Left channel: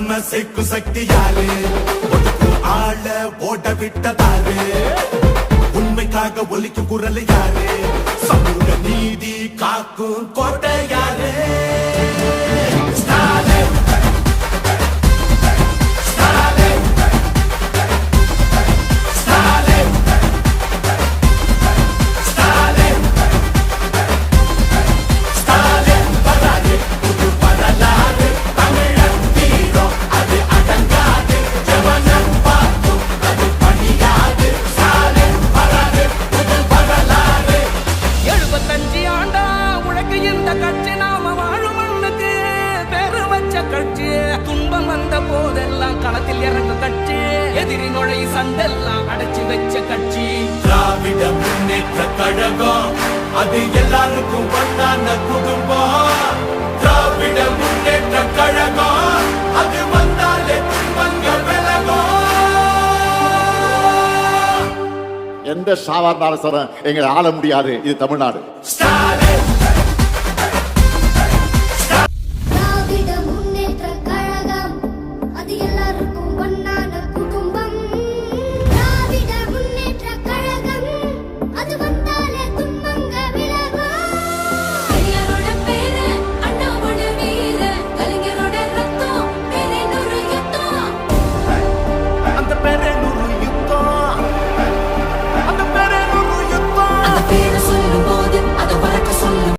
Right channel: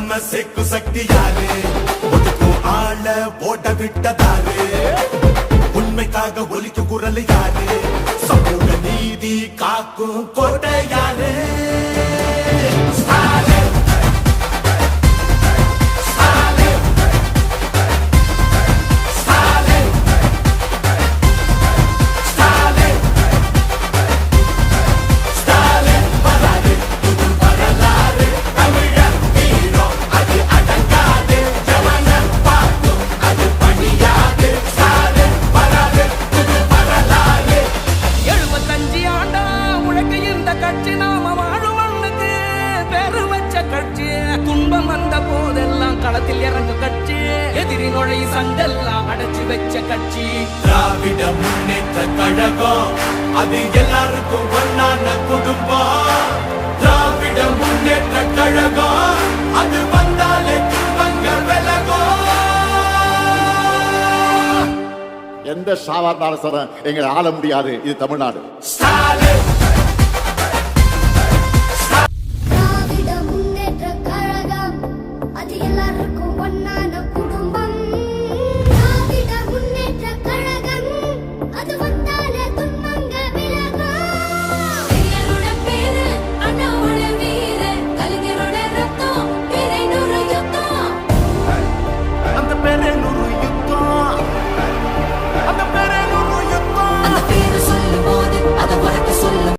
நம்ம சேர்க்கும் சக்தி யாரு? ஒதுக்கும் ஆள ஓட விட்டதாரு? உண்மைக்காக ஒலிக்கும் குரல் யாரு? சமூக நீதி காக்கும் கோட்டை யாரு? கட்சி நாம வாழும் மண்ணுக்கு பெரு வச்ச கட்சி. துன்பம் வந்த போதெல்லாம் களத்தில் இறங்க கட்சி. எதிரி நுழை சண்டெல்லாம் அடைச்சு வச்ச கட்சி. திராவிட முன்னேற்ற கழகம் அது எல்லாருக்கும் ஒன்னான குடும்பம். திராவிட முன்னேற்ற கழகம் அது வந்தாலே துன்பங்கள் விலகும். எந்த சாதாரண அரசரும் எங்களை ஆள முடியாது. இது தமிழ்நாடு.